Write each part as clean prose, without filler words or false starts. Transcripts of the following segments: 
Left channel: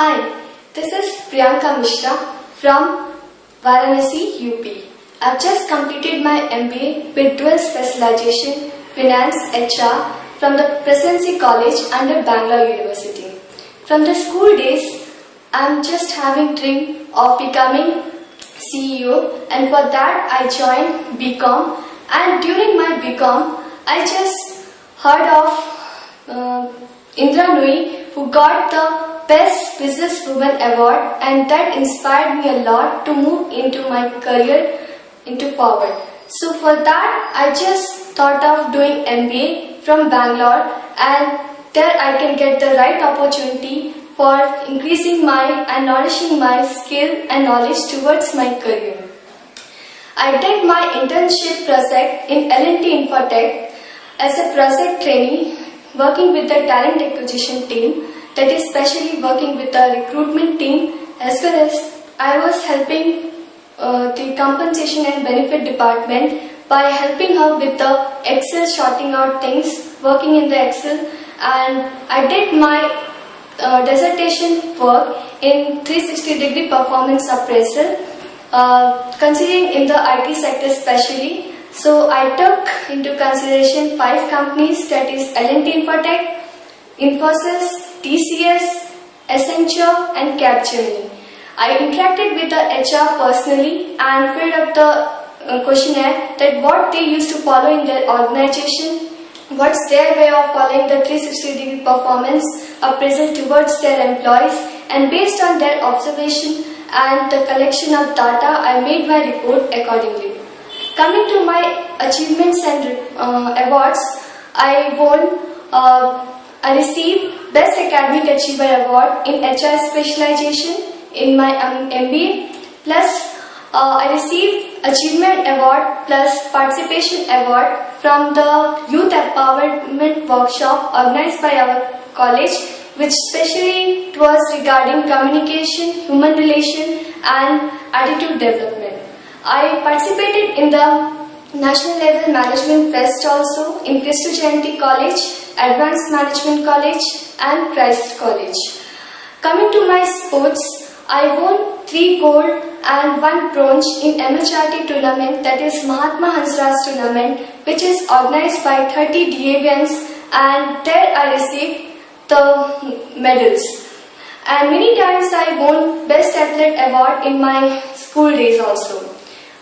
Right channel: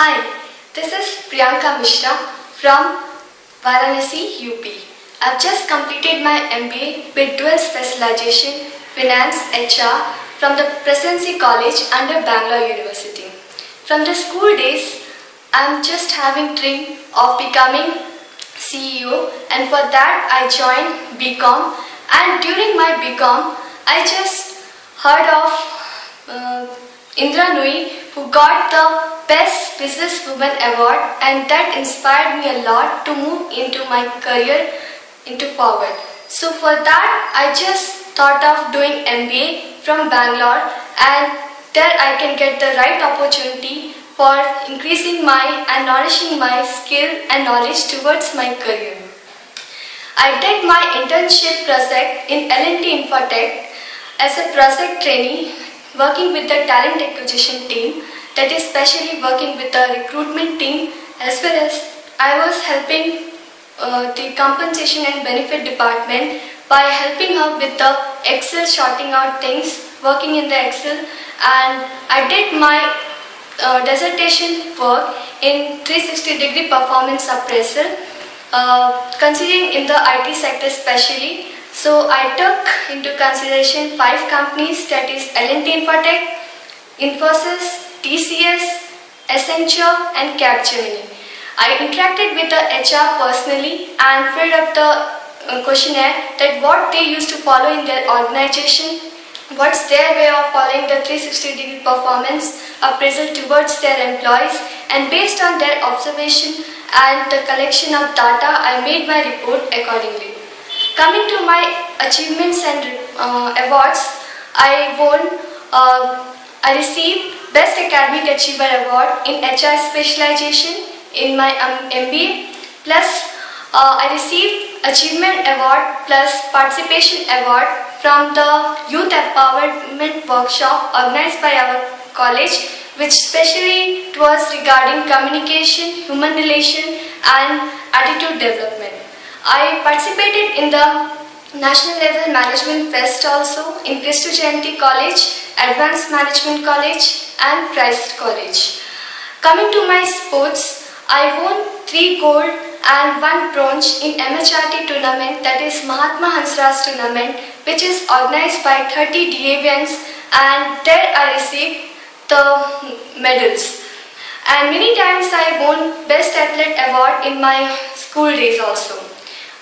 Hi, this is Priyanka Mishra from Varanasi, UP. I've just completed my MBA with dual specialization Finance HR from the Presidency College under Bangalore University. From the school days, I'm just having dream of becoming CEO, and for that I joined BCom, and during my BCom I just heard of Indra Nui, who got the Best Businesswoman Award, and that inspired me a lot to move into my career into forward. So for that I just thought of doing MBA from Bangalore, and there I can get the right opportunity for increasing my and nourishing my skill and knowledge towards my career. I did my internship project in L&T Infotech as a project trainee, working with the talent acquisition team, that is specially working with the recruitment team, as well as I was helping the compensation and benefit department by helping her with the Excel, sorting out things, working in the Excel, and I did my dissertation work in 360-degree performance appraisal, considering in the IT sector especially. So I took into consideration 5 companies, that is L&T Infotech, Infosys, TCS, Accenture and Capgemini. I interacted with the HR personally and filled up the questionnaire that what they used to follow in their organization, what's their way of following the 360-degree performance appraisal towards their employees, and based on their observation and the collection of data, I made my report accordingly. Coming to my achievements and awards, I received Best Academic Achiever Award in HR Specialization in my MBA, plus I received Achievement Award plus Participation Award from the Youth Empowerment Workshop organized by our college, which specially was regarding communication, human relation and attitude development. I participated in the National Level Management Fest also in Christu Jayanti College, Advanced Management College and Christ College. Coming to my sports, I won 3 gold and 1 bronze in MHRT tournament, that is Mahatma Hansraj tournament, which is organized by 30 DAVians, and there I received the medals. And many times I won Best Athlete Award in my school days also.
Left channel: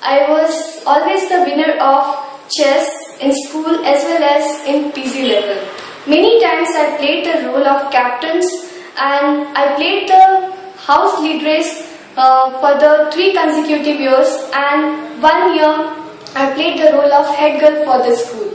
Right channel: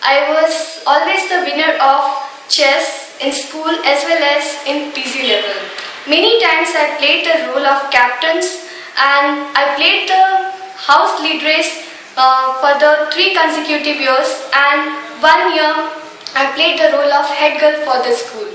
I was always the winner of chess in school as well as in PG level. Many times I played the role of captains, and I played the house lead race for the 3 consecutive years, and 1 year I played the role of head girl for the school.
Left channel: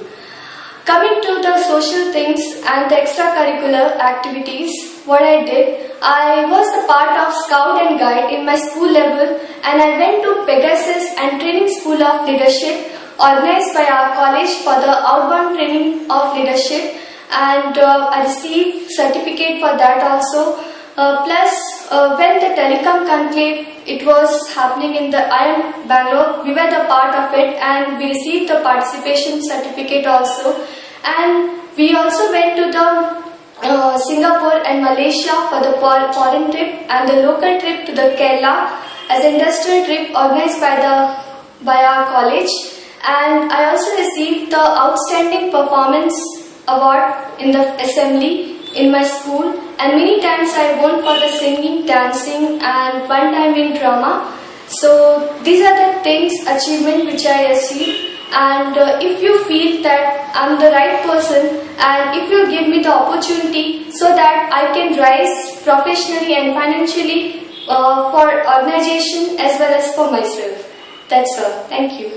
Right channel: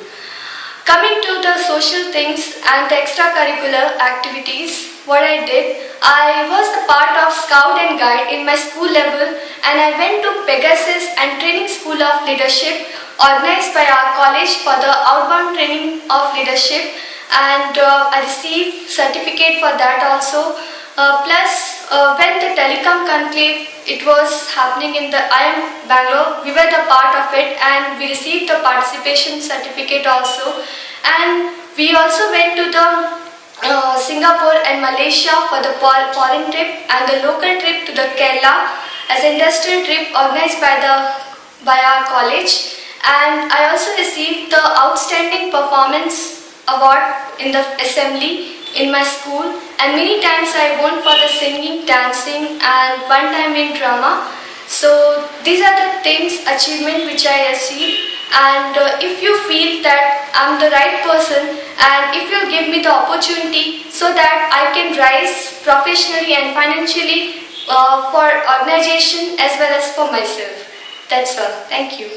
Coming to the social things and the extracurricular activities, what I did, I was the part of Scout and Guide in my school level, and I went to Pegasus and Training School of Leadership organized by our college for the outbound training of leadership, and I received certificate for that also. Plus when the telecom conclave it was happening in the IIM Bangalore, we were the part of it and we received the participation certificate also, and we also went to the Singapore and Malaysia for the foreign trip and the local trip to the Kerala as an industrial trip organized by our college, and I also received the Outstanding Performance Award in the assembly in my school, and many times I won for the singing, dancing and 1 time in drama. So these are the things, achievement which I achieved, and if you feel that I'm the right person and if you give me the opportunity so that I can rise professionally and financially for organization as well as for myself. That's all. Thank you.